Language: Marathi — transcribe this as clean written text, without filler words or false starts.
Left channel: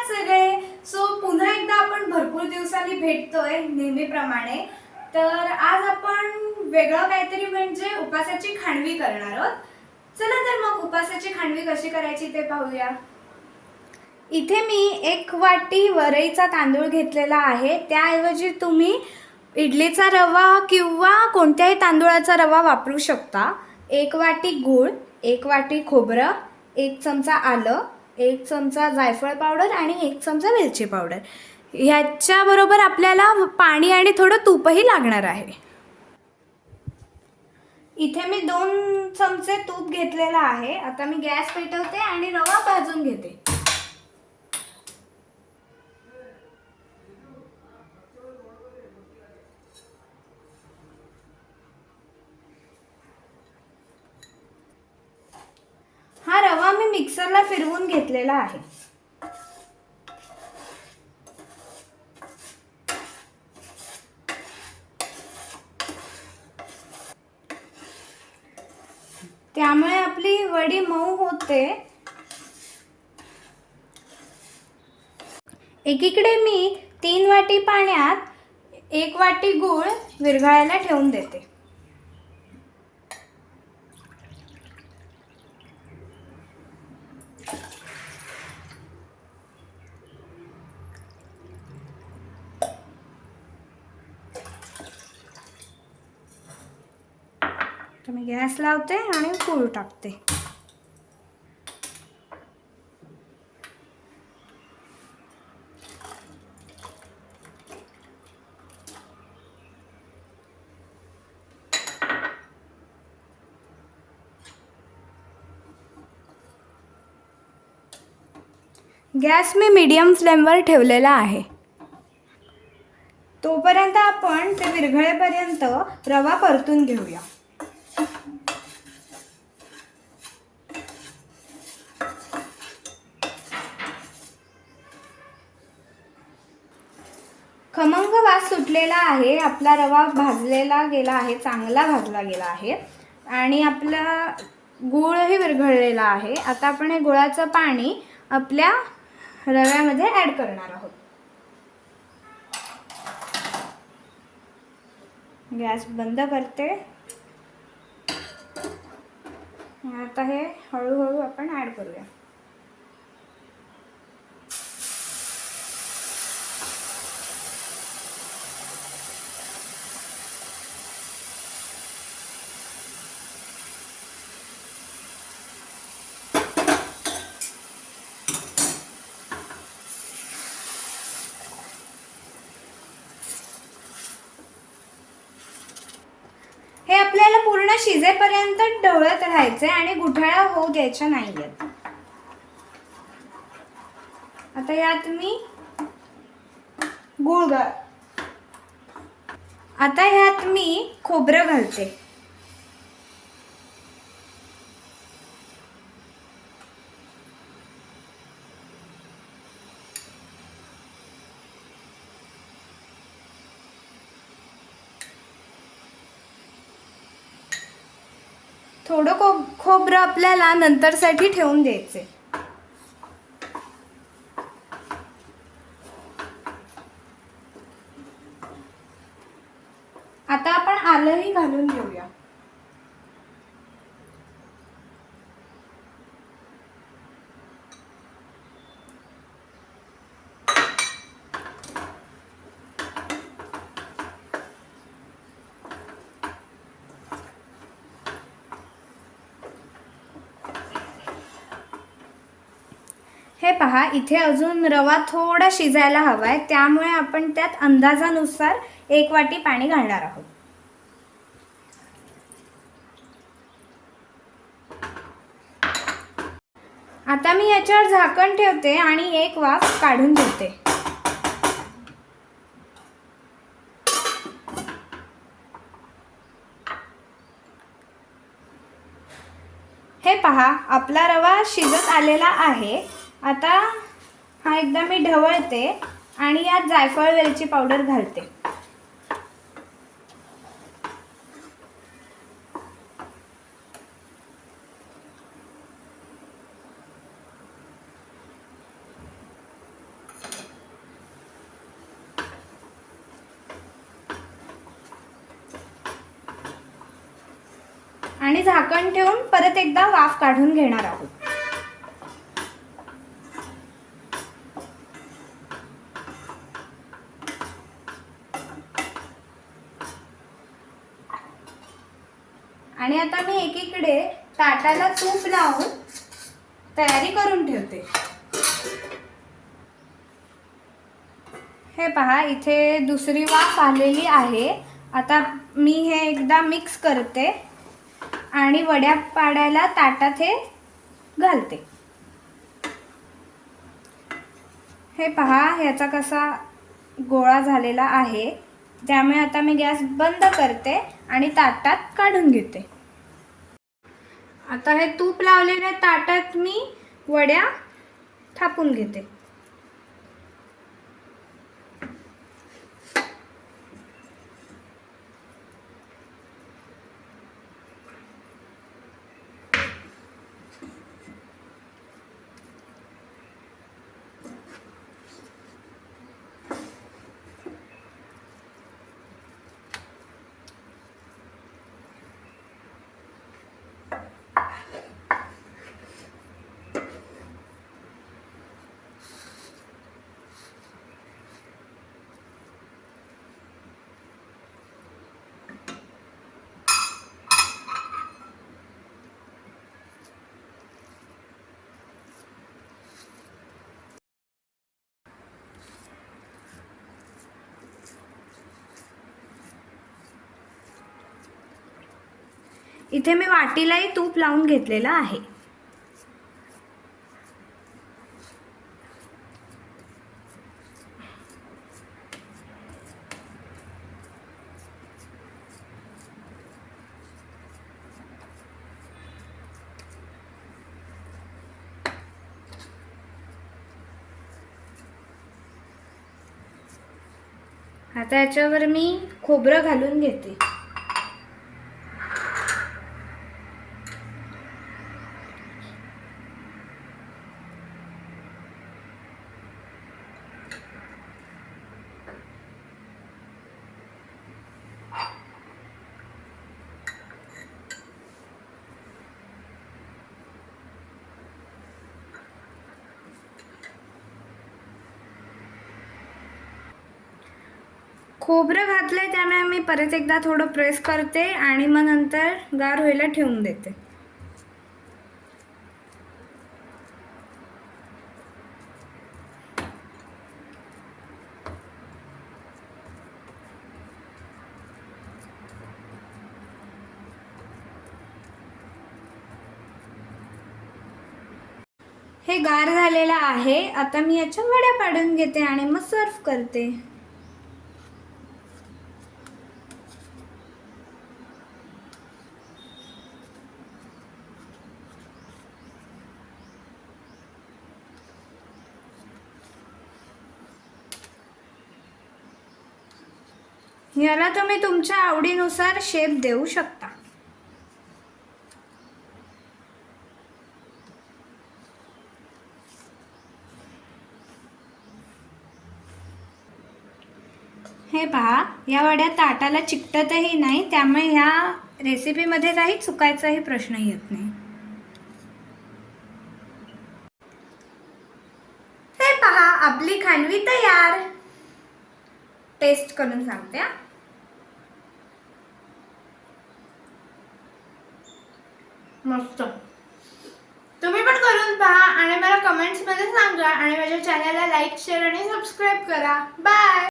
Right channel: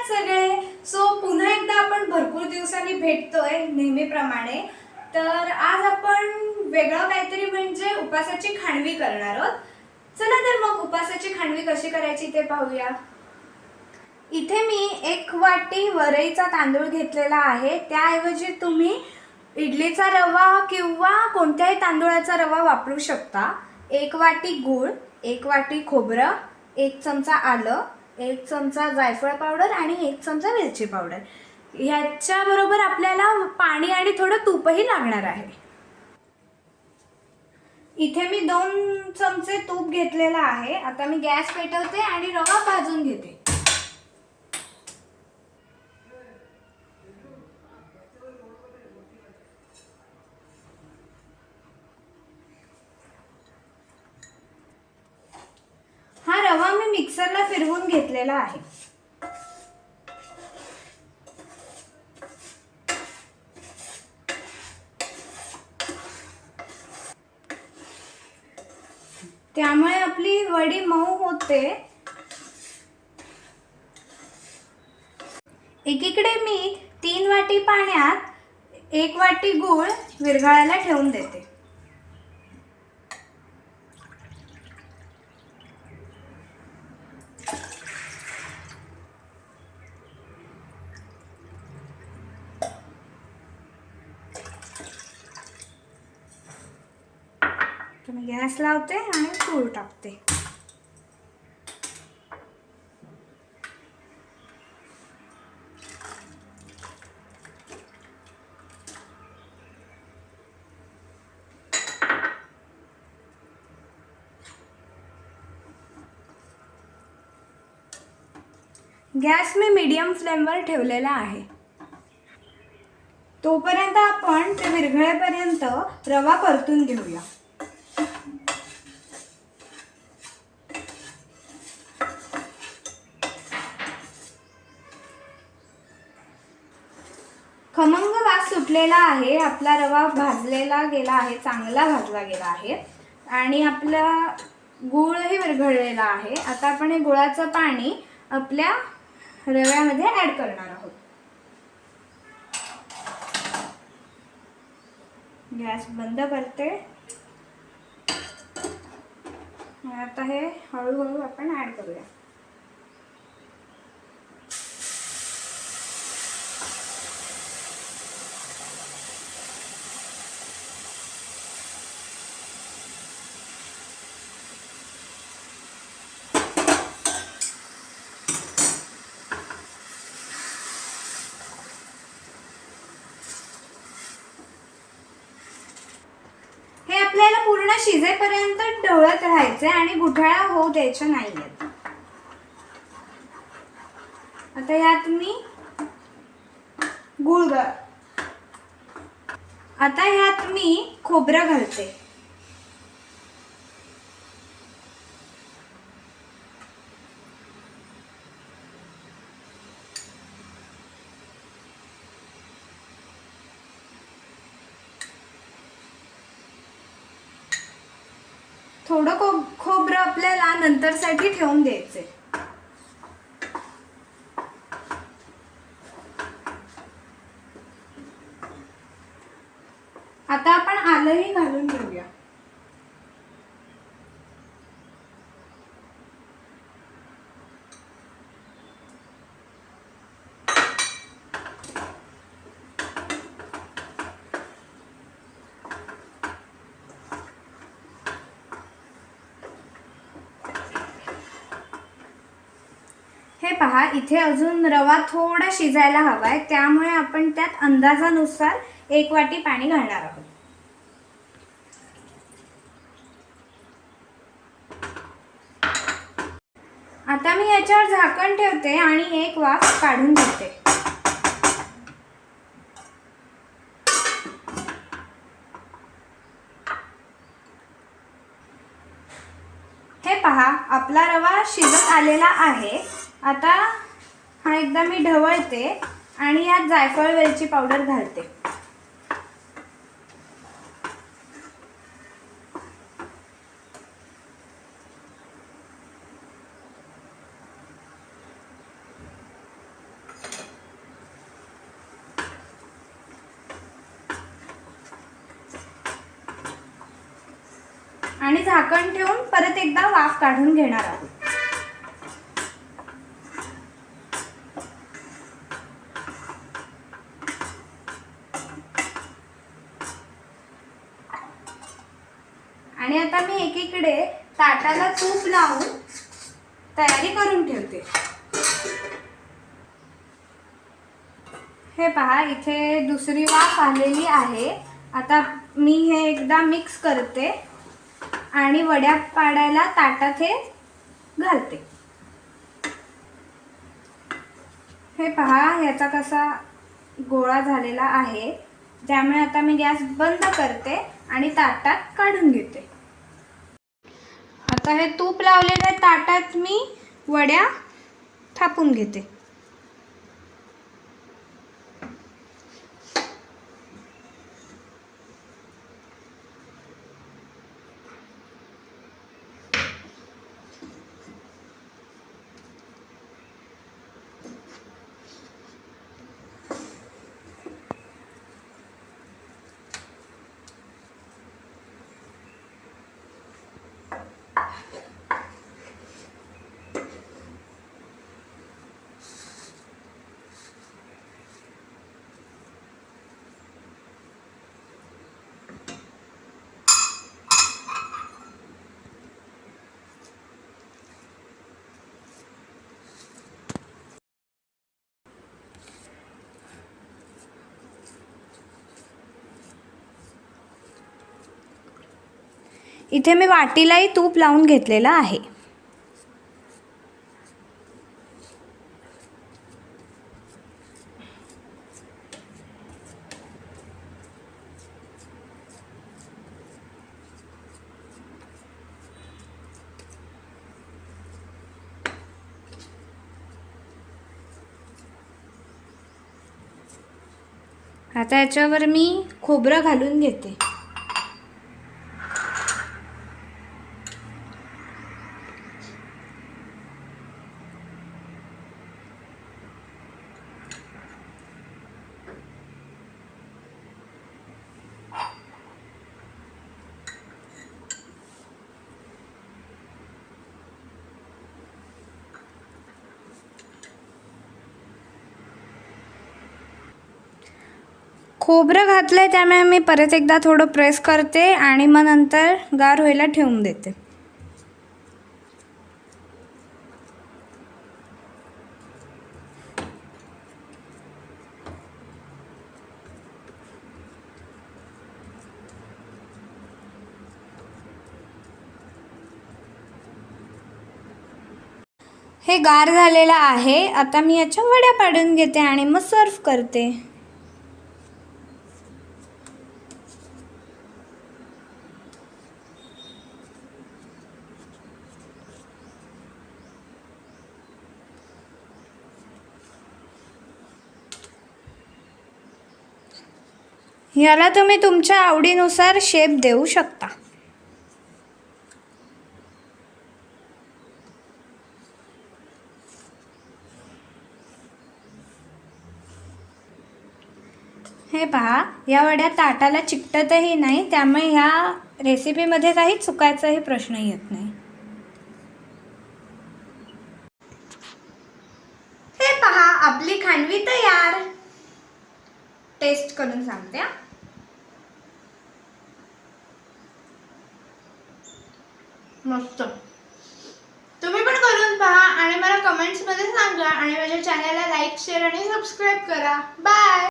आहात सगळे? पुन्हा एकदा आपण भरपूर दिवसांनी भेटतोय नेहमीप्रमाणे. तर आज आपण वेगळं काहीतरी म्हणजे उपासाची खांडवी करणार आहोत. चला तर मग उपासाची खांडवी कशी करायची ते पाहूया. इथे मी 1 वाटी वरईचा तांदूळ घेतलेला आहे. त्याऐवजी तुम्ही इडलीचा रवा किंवा कोणत्याही तांदूळाचा रवा वापरू शकता. 1 वाटी गूळ, 1 वाटी खोबरं, 1 चमचा आलं, 1 चमचा जायफळ पावडर आणि 1 चमचा वेलची पावडर. ह्याच्याबरोबर आपल्याला पाणी आणि थोडं तूपही लागणार आहे. इथे मी 2 चमचे तूप घेतलेला आहे. आता मी गॅस पेटवते आणि रवा भाजून घेते. हा रवा मी मिक्सरला फिरवून घेतलेला आहे. त्यामुळे आपली वडी मऊ होते. एकीकडे मी 3 वाटी पाण्यात 1 वाटी गूळ विरघळायला ठेवून देते. तर मी गॅस लावते आणि गूळ टाकते. गॅस मी मीडियम फ्लेमवर ठेवलेला आहे. तोपर्यंत आपण ते विरघळेपर्यंत रवा परतून घेऊया. खमंग वास सुटलेला आहे. आपला रवा भाजलेला गेला आहे, चांगला भाजला गेला आहे आणि आपला गूळही विरघळलेला आहे. आता आपण हे गुळाचं पाणी आपल्या रव्यामध्ये ॲड करणार आहोत. गॅस बंद करते. आता हे हळूहळू आपण ॲड करूया. हे आपल्याला पूर्ण शिजेपर्यंत ढवळत राहायचे आणि गुठळ्या होऊ द्यायच्या नाहीयेत. आता यात मी गूळ आता यात मी खोबरं घालते. थोडं खोबरं आपल्याला नंतरसाठी ठेवून द्यायचे. आता आपण आलंही घालून घेऊया. हे पहा, इथे अजून रवा थोडा शिजायला हवाय, त्यामुळे आपण त्यात अंदाजानुसार 1 वाटी पाणी घालणार आहोत. आता मी याच्यावर झाकण ठेवते आणि 1 वाफ काढून घेते. हे पहा, आपला रवा शिजत आलेला आहे. आता हा एकदा मी ढवळते आणि यात जायफळ वेलची पावडर घालते. आणि झाकण ठेवून परत एकदा वाफ काढून घेणार आहोत. आणि आता मी एकीकडे ताटाला तूप लावून तयारी करून ठेवते. हे पहा, इथे दुसरी वाफ आलेली आहे. आता मी हे एकदा मिक्स करते आणि वड्या पाडायला ताटात हे घालते. हे पहा, ह्याचा कसा गोळा झालेला आहे. त्यामुळे आता मी गॅस बंद करते आणि ताटात काढून घेते. आता हे तूप लावलेल्या ताटात मी वड्या थापून घेते. इथे मी वाटीलाही तूप लावून घेतलेलं आहे. आता याच्यावर मी खोबरं घालून घेते. खोबरं घातलंय त्यामुळे मी परत एकदा थोडं प्रेस करते आणि मग नंतर गार व्हायला ठेवून देते. हे गार झालेलं आहे. आता मी याच्या वड्या पाडून घेते आणि मग सर्व करते. याला तुम्ही तुमच्या आवडीनुसार शेप देऊ शकता. हे पहा, या वड्या ताटाला चिकटतही नाही, त्यामुळे ह्या रेसिपीमध्ये काही चुकायचाही प्रश्न येत नाही. हे पहा, आपली खांडवी तयार. टेस्ट करून सांगते. मस्त. तुम्ही पण करून पहा आणि मला कमेंट्समध्ये सांगा आणि माझ्या चॅनलला लाईक, शेअर आणि सबस्क्राईब करा. बाय.